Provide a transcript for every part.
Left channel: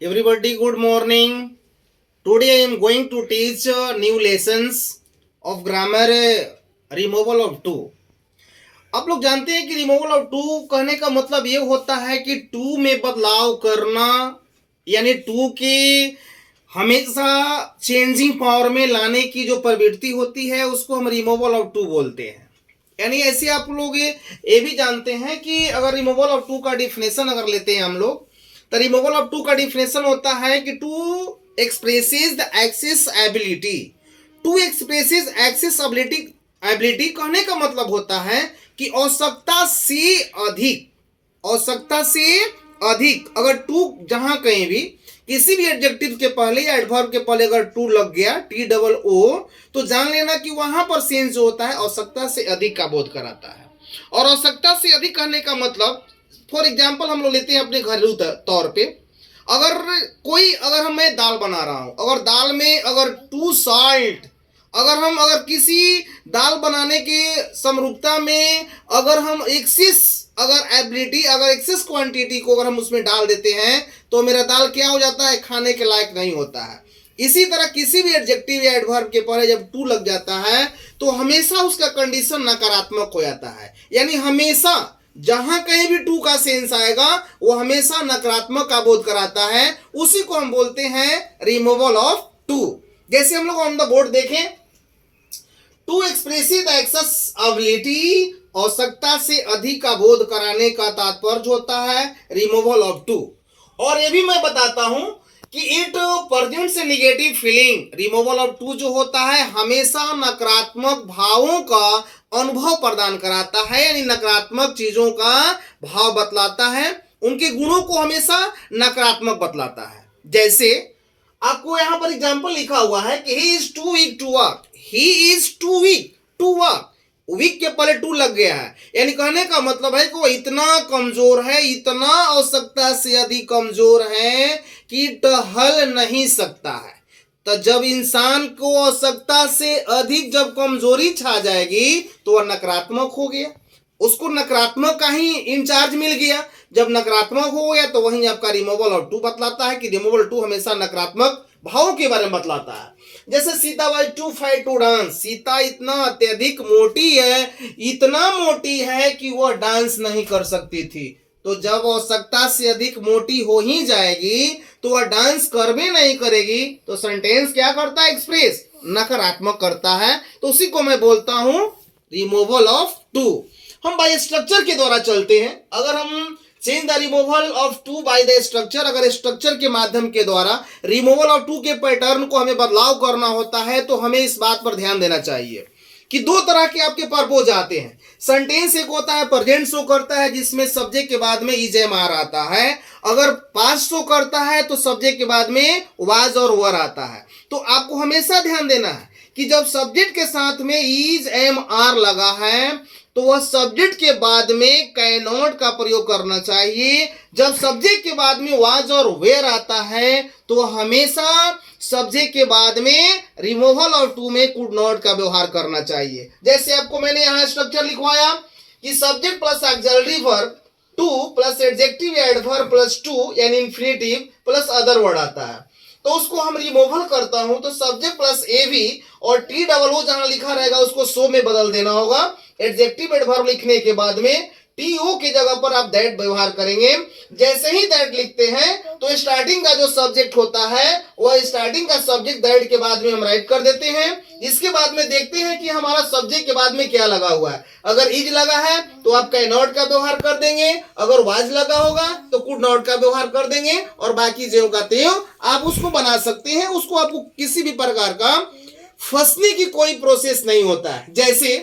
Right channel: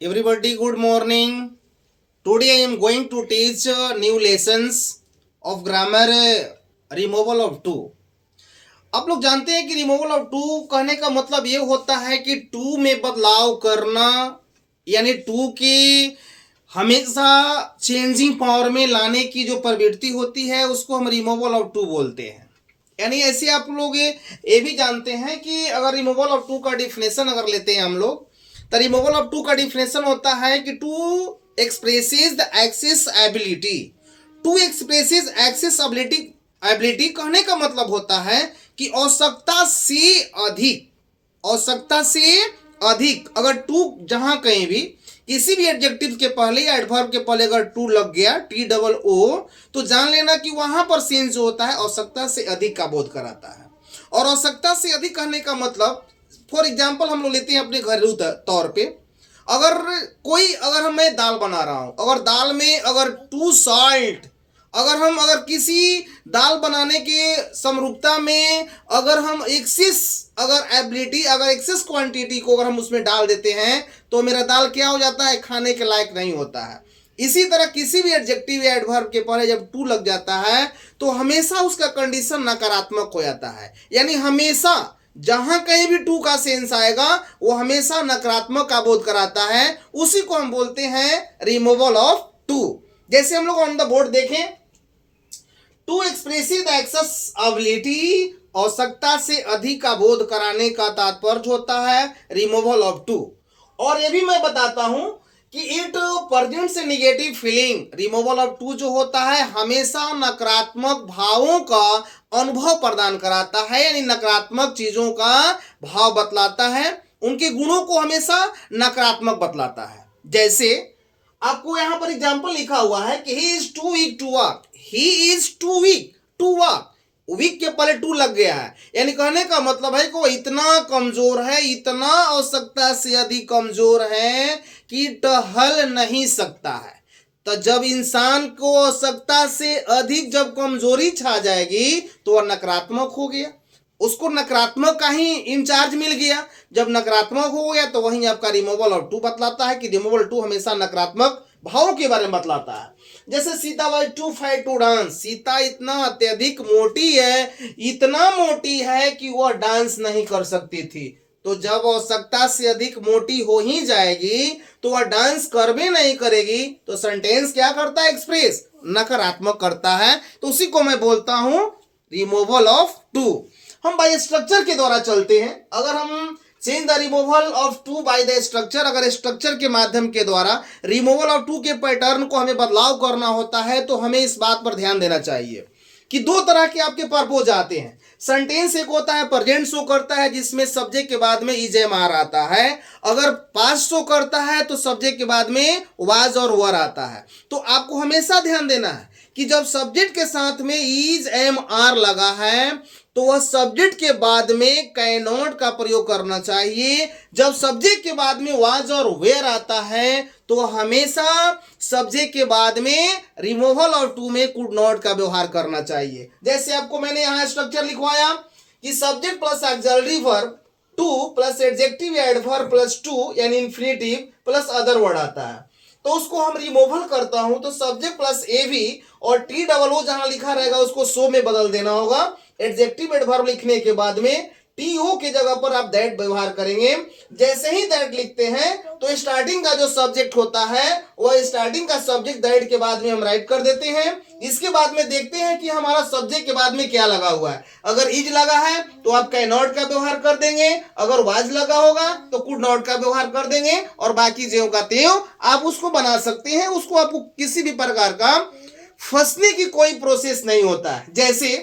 Everybody, good morning. Today I am going to teach new lessons of grammar removal of to. आप लोग जानते हैं कि removal of to कहने का मतलब ये होता है कि टू में बदलाव करना, यानी टू की हमेशा चेंजिंग पावर में लाने की जो प्रवृत्ति होती है उसको हम रिमूवल ऑफ टू बोलते हैं। यानी ऐसे आप लोग ये भी जानते हैं कि अगर रिमूवल ऑफ टू का डिफिनेशन अगर लेते हैं हम लोग, तो रिमूवल ऑफ टू का डिफिनेशन होता है कि too expresses the excess ability. Too expresses excess ability. Ability कहने का मतलब होता है कि आवश्यकता से अधिक अगर टू जहां कहीं भी किसी भी एडजेक्टिव के पहले या एडवर्ब के पहले अगर टू लग गया, टी डबल ओ, तो जान लेना कि वहां पर सेंस जो होता है आवश्यकता से अधिक का बोध कराता है। और आवश्यकता से अधिक कहने का मतलब, फॉर एग्जाम्पल हम लोग लेते हैं अपने घरेलू तौर पे, अगर मैं दाल बना रहा हूं, अगर दाल में अगर टू सॉल्ट, अगर किसी दाल बनाने के समरूपता में अगर हम एक्सेस क्वांटिटी को अगर हम उसमें डाल देते हैं तो मेरा दाल क्या हो जाता है, खाने के लायक नहीं होता है। इसी तरह किसी भी एडजेक्टिव या एडवर्ब के पहले जब टू लग जाता है तो हमेशा उसका कंडीशन नकारात्मक हो जाता है। यानी हमेशा जहां कहीं भी टू का सेंस आएगा वो हमेशा नकारात्मक का बोध कराता है। उसी को हम बोलते हैं रिमूवल ऑफ टू। जैसे हम लोग ऑन द बोर्ड देखें, too expressive the excess ability, आवश्यकता से अधिक का बोध कराने का तात्पर्य होता है रिमूवल ऑफ टू। और ये भी मैं बताता हूं कि it presents a negative feeling. Removal of too जो होता है हमेशा नकारात्मक भावों का अनुभव प्रदान कराता है, यानी नकारात्मक चीजों का भाव बतलाता है, उनके गुणों को हमेशा नकारात्मक बतलाता है। जैसे आपको यहां पर एग्जांपल लिखा हुआ है कि he is too weak to walk. He is too weak to walk, weak के पहले टू लग गया है, यानी कहने का मतलब है कि वो इतना कमजोर है, इतना आवश्यकता से अधिक कमजोर है कि टहल नहीं सकता है। तो जब इंसान को आवश्यकता से अधिक जब कमजोरी छा जाएगी तो वह नकारात्मक हो गया, उसको नकारात्मक का ही इंचार्ज मिल गया। जब नकारात्मक हो गया तो वहीं आपका रिमूवल ऑफ टू बतलाता है कि रिमूवल टू हमेशा नकारात्मक भावों के बारे में बतलाता है। जैसे Sita was too fight to dance. Sita इतना अत्यधिक मोटी है, इतना मोटी है कि वह डांस नहीं कर सकती थी। तो जब आवश्यकता से अधिक मोटी हो ही जाएगी तो वह डांस कर भी नहीं करेगी, तो सेंटेंस क्या करता है, एक्सप्रेस नकारात्मक करता है। तो उसी को मैं बोलता हूं रिमूवल ऑफ टू। हम बाय स्ट्रक्चर के द्वारा चलते हैं। अगर हम change the removal of too by the structure, अगर स्ट्रक्चर के माध्यम के द्वारा रिमूवल ऑफ टू के पैटर्न को हमें बदलाव करना होता है तो हमें इस बात पर ध्यान देना चाहिए कि दो तरह के आपके पर्पोज आते हैं। सेंटेंस एक होता है प्रेजेंट शो करता है जिसमें सब्जेक्ट के बाद में इज एम आर आता है। अगर पास्ट शो करता है तो सब्जेक्ट के बाद में वाज और वर आता है। तो आपको हमेशा ध्यान देना है कि जब सब्जेक्ट के साथ में इज एम आर लगा है तो वह सब्जेक्ट के बाद में कैनॉट का प्रयोग करना चाहिए। जब सब्जेक्ट के बाद में वाज और वेयर आता है तो हमेशा सब्जेक्ट के बाद में रिमूवल और टू में कुड नॉट का व्यवहार करना चाहिए। जैसे आपको मैंने यहां स्ट्रक्चर लिखवाया कि subject plus auxiliary verb two plus adjective या एडवर्ब प्लस टू यानी इंफिनिटिव प्लस अदर वर्ड आता है। तो उसको हम रिमूवल करता हूं तो सब्जेक्ट प्लस एवी और टी डबल ओ जहां लिखा रहेगा उसको सो में बदल देना होगा। एडजेक्टिव एडवर्ब लिखने के बाद में टी ओ की जगह पर आप दैट व्यवहार करेंगे। जैसे ही दैट लिखते हैं तो स्टार्टिंग का जो सब्जेक्ट होता है वह स्टार्टिंग का सब्जेक्ट दैट के बाद में हम राइट कर देते हैं। इसके बाद में देखते हैं कि हमारा सब्जेक्ट के बाद में क्या लगा हुआ है। अगर इज लगा है तो आप कैन नॉट का व्यवहार कर देंगे, अगर वाज लगा होगा तो कुड नॉट का व्यवहार कर देंगे, और बाकी ज्यों का त्यों आप उसको बना सकते हैं। उसको आपको किसी भी प्रकार का फंसने की कोई प्रोसेस नहीं होता है। जैसे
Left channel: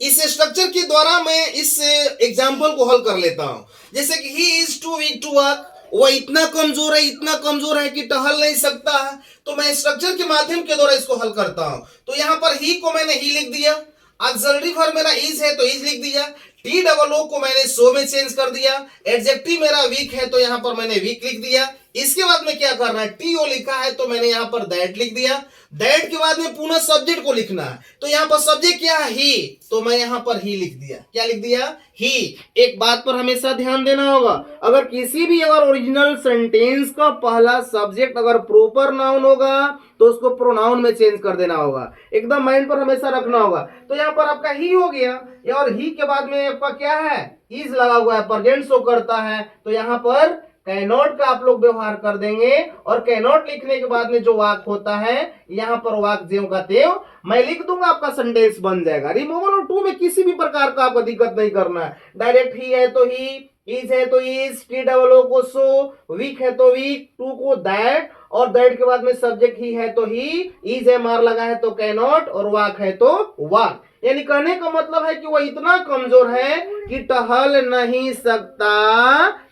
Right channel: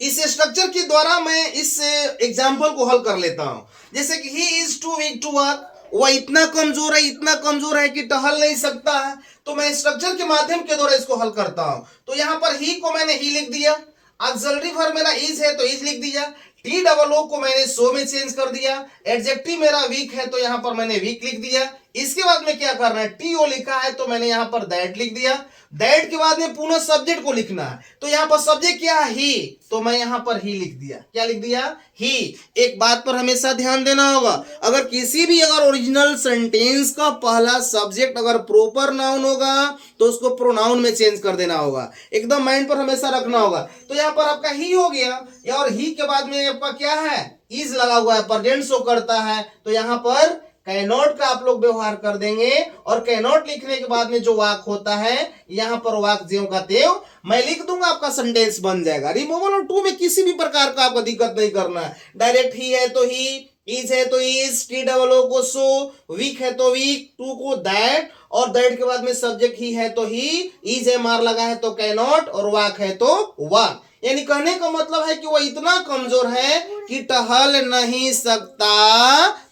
इस स्ट्रक्चर के द्वारा मैं इस एग्जाम्पल को हल कर लेता हूं। जैसे कि he is too weak to walk, वह इतना कमजोर है कि टहल नहीं सकता है। तो मैं स्ट्रक्चर के माध्यम के द्वारा इसको हल करता हूं। तो यहां पर ही को मैंने ही लिख दिया, ऑक्सिलरी वर्ब मेरा इज है तो इज लिख दिया, टी डबल ओ को मैंने सो में चेंज कर दिया, एडजेक्टिव मेरा वीक है तो यहां पर मैंने वीक लिख दिया। इसके बाद में क्या करना है, टी ओ लिखा है तो मैंने यहां पर दैट लिख दिया। दैट के बाद में पुनः सब्जेक्ट को लिखना है, तो यहां पर सब्जेक्ट क्या है, ही, तो मैं यहां पर ही लिख दिया। क्या लिख दिया, ही। एक बात पर हमेशा ध्यान देना होगा, अगर किसी भी अगर ओरिजिनल सेंटेंस का पहला सब्जेक्ट अगर प्रॉपर नाउन होगा तो उसको प्रोनाउन में चेंज कर देना होगा, एकदम माइंड पर हमेशा रखना होगा। तो यहाँ पर आपका ही हो गया, और ही के बाद में आपका क्या है, इज लगा हुआ है, प्रेजेंट शो करता है, तो यहाँ पर कैनॉट का आप लोग व्यवहार कर देंगे, और कैनॉट लिखने के बाद में जो वाक होता है यहां पर वाक ज्यों का त्यों मैं लिख दूंगा, आपका सेंटेंस बन जाएगा। रिमूवल और टू में किसी भी प्रकार का आपको दिक्कत नहीं करना है, डायरेक्ट ही है तो ही, इज है तो इज, टी डबल ओ को सो, वीक है तो वीक, टू को दैट, और दैट के बाद में सब्जेक्ट ही है तो ही, इज है मार लगा है तो कैनॉट, और वाक है तो वाक। यानी कहने का मतलब है कि वह इतना कमजोर है कि टहल नहीं सकता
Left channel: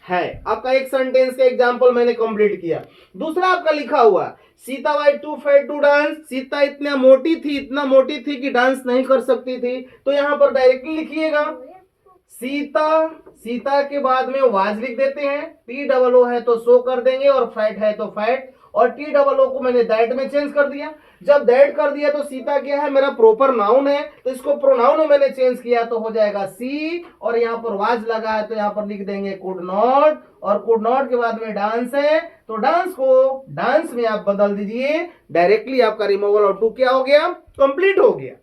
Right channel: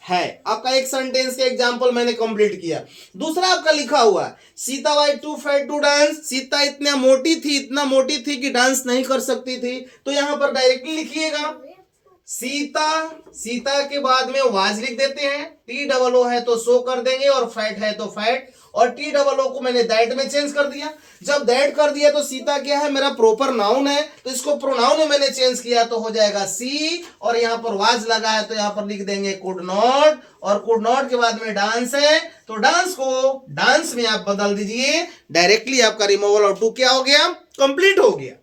है। आपका एक सेंटेंस का एग्जांपल मैंने कंप्लीट किया। दूसरा आपका लिखा हुआ, Sita why too fat to dance, Sita इतना मोटी थी कि डांस नहीं कर सकती थी, तो यहां पर डायरेक्टली लिखिएगा सीता, सीता के बाद में वाज लिख देते हैं, टी डबल ओ है तो सो कर देंगे, और फैट है तो फैट, और टी डबल ओ को मैंने दैट में चेंज कर दिया। जब दैट कर दिया तो सीता क्या है, मेरा प्रॉपर नाउन है, तो इसको प्रोनाउन में मैंने चेंज किया तो हो जाएगा सी, और यहाँ पर वाज लगा है तो यहाँ पर लिख देंगे कुड नॉट, और कुड नॉट के बाद में डांस है तो डांस को डांस में आप बदल दीजिए, डायरेक्टली आपका रिमूवल और टू क्या हो गया, कंप्लीट हो गया।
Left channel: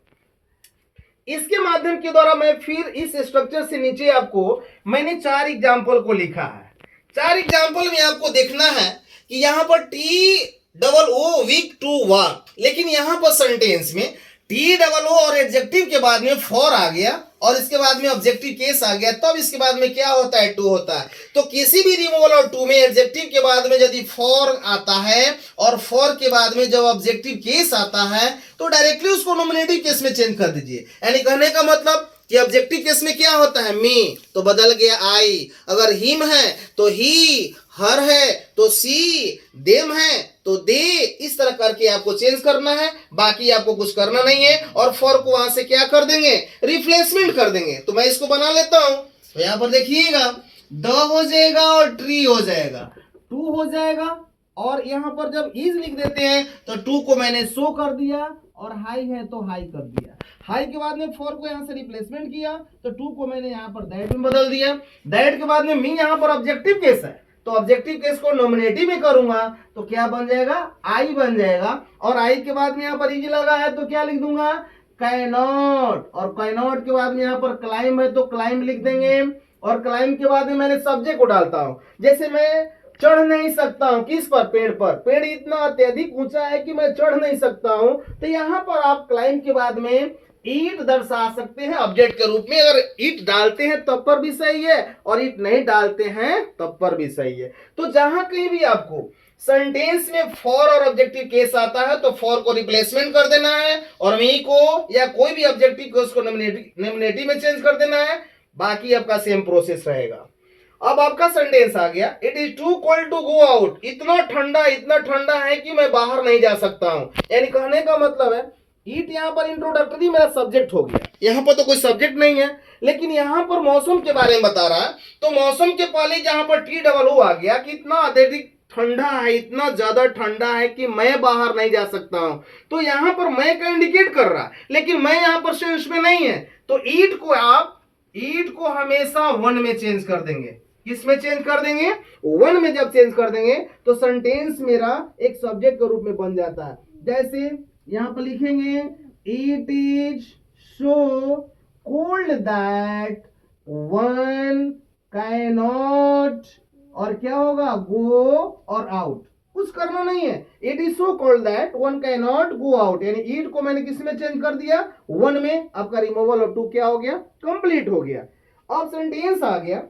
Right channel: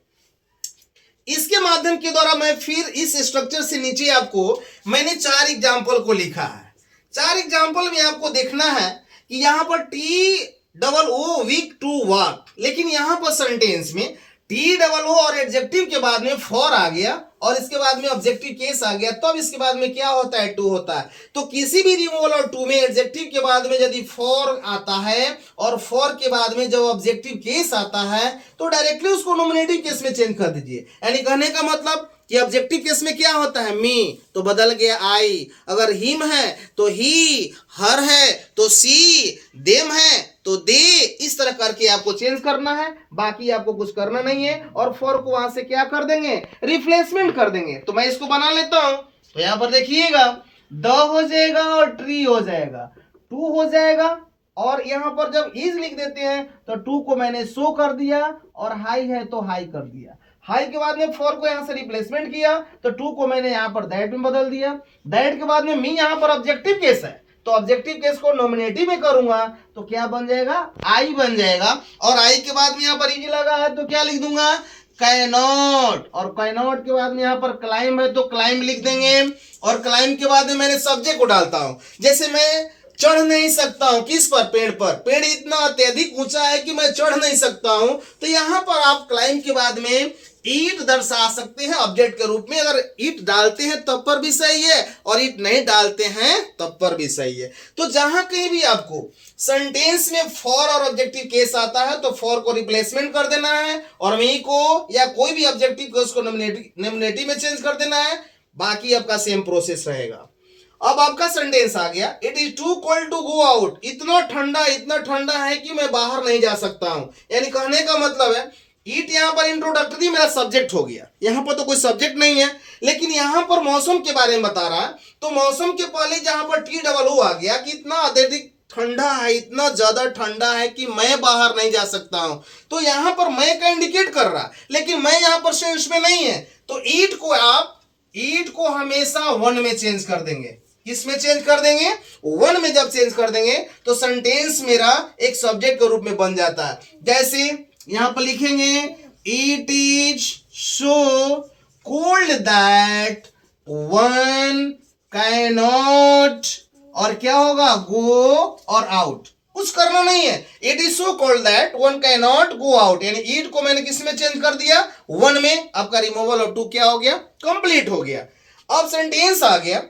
इसके माध्यम के द्वारा मैं फिर इस स्ट्रक्चर से नीचे आपको मैंने 4 एग्जाम्पल को लिखा है। 4 एग्जाम्पल में आपको देखना है कि यहां पर T double O weak to walk, लेकिन यहां पर सेंटेंस में टी डबल ओ और एडजेक्टिव के बाद में फॉर आ गया, और इसके बाद में ऑब्जेक्टिव केस आ गया, तब इसके बाद में क्या होता है, टू होता है। तो किसी भी रिमूवल और टू में एडजेक्टिव के बाद में यदि फॉर आता है और फॉर के बाद में जब ऑब्जेक्टिव केस आता है तो डायरेक्टली उसको नॉमिनेटिव केस में चेंज कर दीजिए। यानी कहने का मतलब कि ऑब्जेक्टिव केस में क्या होता है, मी तो बदल गया आई, अगर हिम है तो ही, हर है तो सी, देम है तो दे, इस तरह करके आपको चेंज करना है, बाकी आपको कुछ करना नहीं है। और फॉर को वहां से क्या कर देंगे, रिप्लेसमेंट कर देंगे। तो मैं इसको बना लेता हूं, तो यहां पर देखिएगा द हो जाएगा और ट्री हो जाएगा, टू हो जाएगा, और यहां पर जब इज लिख देते हैं तो टू को मैंने सो कर दिया, और हाई है तो हाई कर दिया। हाई के बाद में फॉर को यहां से रिप्लेसमेंट किया तो टू को मैंने यहां पर दैट में बदल दिया। दैट के बाद में मी यहां पर ऑब्जेक्टिव केस है, तो ऑब्जेक्टिव केस को नॉमिनेटिव में करूंगा तो क्या बन जाएगा, आई बन जाएगा। और आई के बाद में यहां पर इज लगा है तो क्या लिख दूंगा, कैनॉट, और कैनॉट के बाद में यहां पर क्लाइम है तो क्लाइम लिख देंगे, और क्लाइम के बाद में मैंने सब्जेक्ट को डालता हूं। जैसे मैं चढ़ नहीं सकता हूं, किस पर, पेड़ पर, पेड़ इतना अत्यधिक ऊंचा है कि मैं चढ़ नहीं सकता हूं, तो यहां पर आप क्लाइम के बाद में ईट दर्शा सकते हैं ऑब्जेक्ट के रूप में। अगर ईट डालते हैं तब पर भी सही है, और ईट नहीं डालते हैं तब पर भी सही है। तो जहां कहीं भी आपको सेंटेंस में फॉर और ऑब्जेक्टिव केस आता है तो फॉर को रिप्लेसमेंट कर देना है, और मी को या कोई भी ऑब्जेक्टिव केस को नॉमिनेटिव में चेंज कर देना है, बाकी आपका सेम प्रोसेस रहेगा। अब आपका सेंटेंस आ गया, it is too cold to go out, इतना ठंडा है कि मैं बाहर नहीं जा सकता हूं। यानी कहने का मतलब है ईट यहां पर इंट्रोडक्टरी मेरा सब्जेक्ट हो गया, यहां पर तो कोई सब्जेक्ट नहीं है, लेकिन यहां पर मौसम के बारे में बता रहा है, तो मौसम के पहले जहां पर टी डबल ओ आ गया कि इतना अत्यधिक ठंडा है, इतना ज्यादा ठंडा है कि मैं बाहर नहीं जा सकता हूं, तो यहां पर मैं का इंडिकेट कर रहा, लेकिन मैं यहां पर सेंस में नहीं है, तो ईट को हमेशा वन में चेंज कर देंगे। किस में चेंज कर देंगे, वन में जब चेंज कर देंगे तो सेंटेंस मेरा एक सब्जेक्ट के रूप में बन जाता है। जैसे यहां पर लिखेंगे it is so cold that one cannot, और क्या होगा, गो और आउट, कुछ करना नहीं है। It is so cold that one cannot go out, यानी ईट को मैंने किस में चेंज कर दिया, वन में। आपका रिमूवल ऑफ टू क्या हो गया, कंप्लीट हो गया। अब सेंटेंस आ गया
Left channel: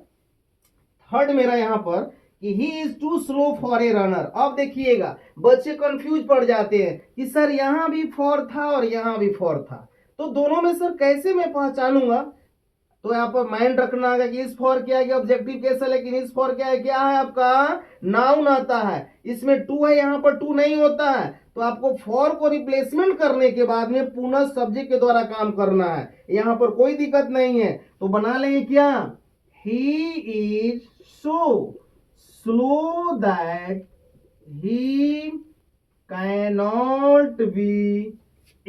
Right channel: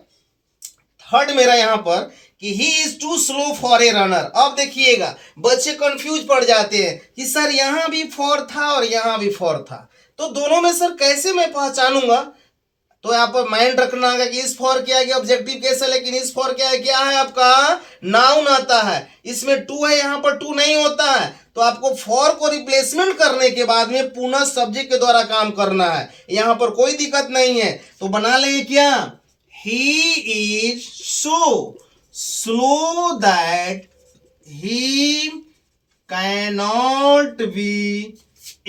थर्ड मेरा यहां पर कि he is too slow for a runner. अब देखिएगा बच्चे कंफ्यूज पड़ जाते हैं कि सर यहां भी फॉर था और यहां भी फॉर था, तो दोनों में सर कैसे मैं पहचानूंगा। तो यहाँ पर माइंड रखना है कि इस फॉर क्या है, ऑब्जेक्टिव केस है, लेकिन इस फॉर क्या है आपका नाउन आता है, इसमें टू है, यहाँ पर टू नहीं होता है, तो आपको फॉर को रिप्लेसमेंट करने के बाद में पुनः सब्जेक्ट के द्वारा काम करना है, यहाँ पर कोई दिक्कत नहीं है। तो बना लेंगे क्या, he is so slow that he cannot be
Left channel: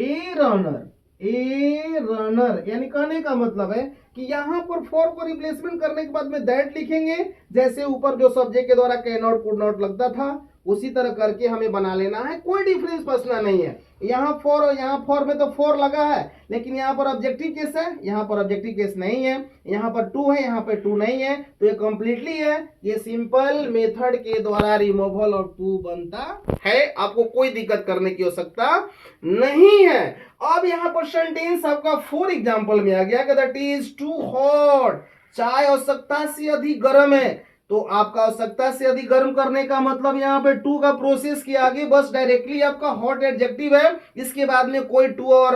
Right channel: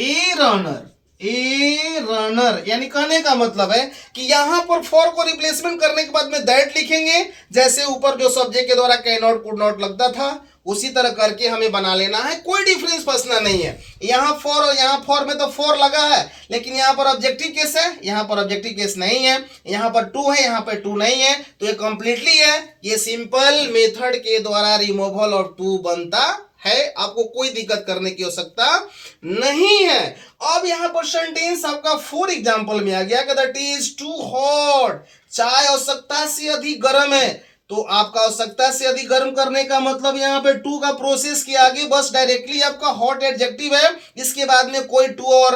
a runner. A runner यानी कहने का मतलब है कि यहां पर फॉर को रिप्लेसमेंट करने के बाद में दैट लिखेंगे, जैसे ऊपर जो सब्जेक्ट के द्वारा कैन नॉट कुड नॉट लगता था उसी तरह करके हमें बना लेना है। कोई डिफरेंस फंसना नहीं है। यहाँ फॉर और यहाँ फॉर में तो फॉर लगा है, लेकिन यहाँ पर ऑब्जेक्टिव केस है, यहाँ पर ऑब्जेक्टिव केस नहीं है। यहाँ पर टू है, यहाँ पर टू नहीं है, तो ये कंप्लीटली है। ये सिंपल मेथड के द्वारा रिमूवल ऑफ टू बनता है। आपको कोई दिक्कत करने की आवश्यकता नहीं है। अब यहाँ पर सेंटेंस आपका फॉर एग्जाम्पल में आ गया कि दैट इज टू हॉट। चाय आवश्यकता से अधिक गर्म है, तो आपका आवश्यकता से अधिक गर्म करने का मतलब यहाँ पे टू का प्रोसेस के आगे बस डायरेक्टली आपका हॉट एडजेक्टिव है, इसके बाद में कोई टू और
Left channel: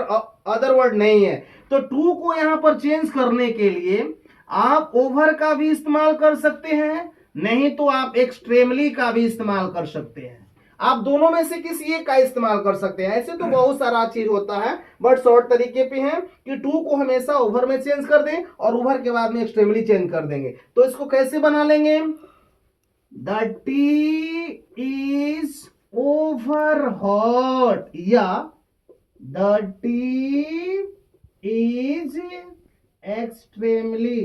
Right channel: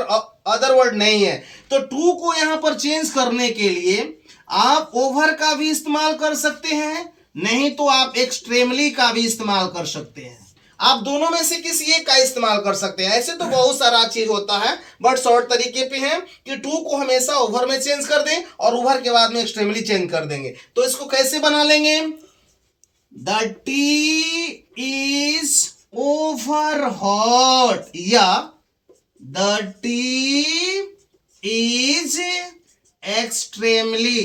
अदर वर्ड नहीं है। तो टू को यहाँ पर चेंज करने के लिए आप ओवर का भी इस्तेमाल कर सकते हैं, नहीं तो आप एक्सट्रीमली का भी इस्तेमाल कर सकते हैं। आप दोनों में से किसी एक का इस्तेमाल कर सकते हैं। ऐसे तो बहुत सारा चीज होता है, बट शॉर्ट तरीके पे है कि टू को हमेशा ओवर में चेंज कर दें और ओवर के बाद में एक्सट्रीमली चेंज कर देंगे। तो इसको कैसे बना लेंगे? The tea is over hot या the tea is extremely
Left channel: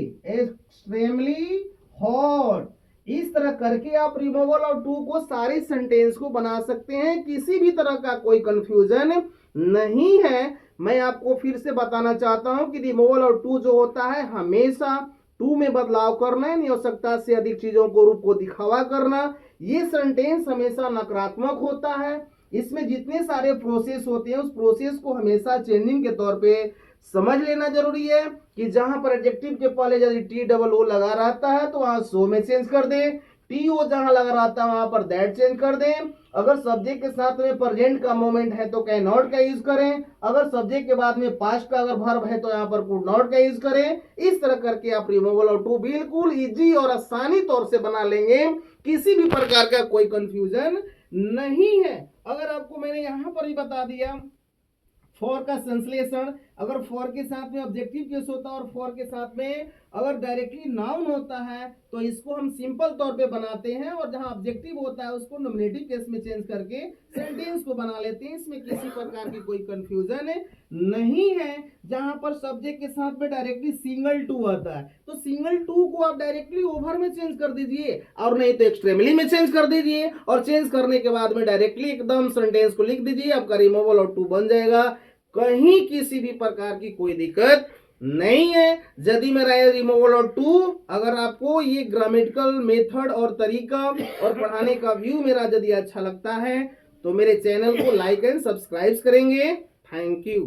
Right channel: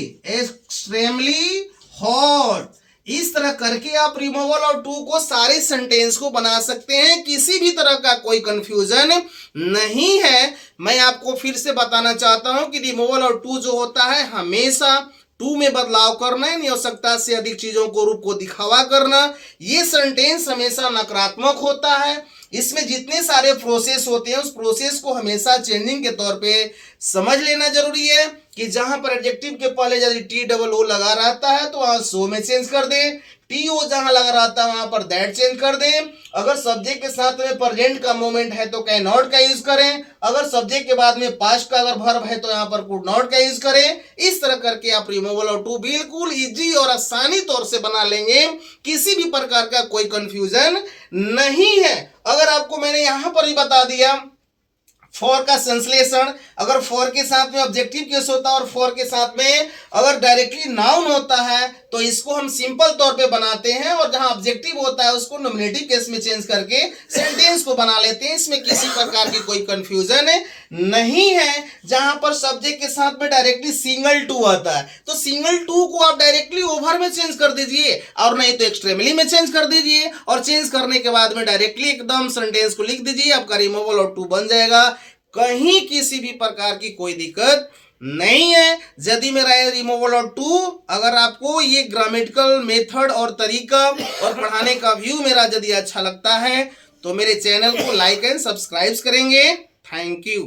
hot. इस तरह करके आप रिमूवल ऑफ टू को सारे सेंटेंस को बना सकते हैं। किसी भी तरह का कोई कंफ्यूजन नहीं है। मैं आपको फिर से बताना चाहता हूं कि रिमूवल ऑफ टू जो होता है हमेशा टू में बदलाव करना है, आवश्यकता से अधिक चीजों को रूप को दिखावा करना। ये सेंटेंस हमेशा नकारात्मक होता है। इसमें जितने सारे प्रोसेस होते हैं उस प्रोसेस को हमेशा चेंजिंग के तौर पे समझ लेना जरूरी है कि जहां पर एडजेक्टिव के पहले यदि टी डबल ओ लगा रहता है तो वहां सो में चेंज कर दें। टी ओ जहां लगा रहता है वहां पर दैट चेंज कर दें। अगर सब्जेक्ट के साथ में प्रेजेंट का मोमेंट है तो कैन नॉट का यूज करें। अगर सब्जेक्ट के बाद में पास्ट का अगर वर्ब है तो यहाँ पर कुड नॉट का यूज करें। इस तरह करके आप रिमूवल ऑफ टू बिल्कुल इजी और आसानी तौर से बना लेंगे। किसी भी प्रकार का कोई कंफ्यूजन नहीं है। अगर आपको मैंने यहां पर ही बता दिया फॉर का संश्लेषण, अगर फॉर के साथ में ऑब्जेक्टिव केस होता है और फॉर के साथ में अगर डायरेक्टली नाउन होता है तो इसको हम सिंपल तौर पे बनाते हैं, और जहां ऑब्जेक्टिव होता है उसको नॉमिनेटिव केस में चेंज करके सेंटेंस को बना लेते हैं। इसमें किसी प्रकार की कोई कंफ्यूजन नहीं है। जहां पर सब्जेक्ट के साथ में डायरेक्टली सिंगल टू आता है तो सिंगल टू को आप डायरेक्टली ओवर में चेंज कर दीजिए, और नहीं तो एक्सट्रीमली में चेंज कर दीजिए, और चेंज करने के बाद में डायरेक्टली एकदम सेंटेंस को लिख दीजिए। आपका रिमूवल ऑफ टू बन जाएगा। कहीं किसी भी प्रकार की कोई दिक्कत नहीं है। यदि मेरा रिमूवल ऑफ टू अगर आपको ये ग्रामेटिकल मेथड और तरीका और पढ़ाने का व्यू मेरा यदि अच्छा लगता है तो मेरे चैनल को लाइक एंड सब्सक्राइब करेंगे। Thank you.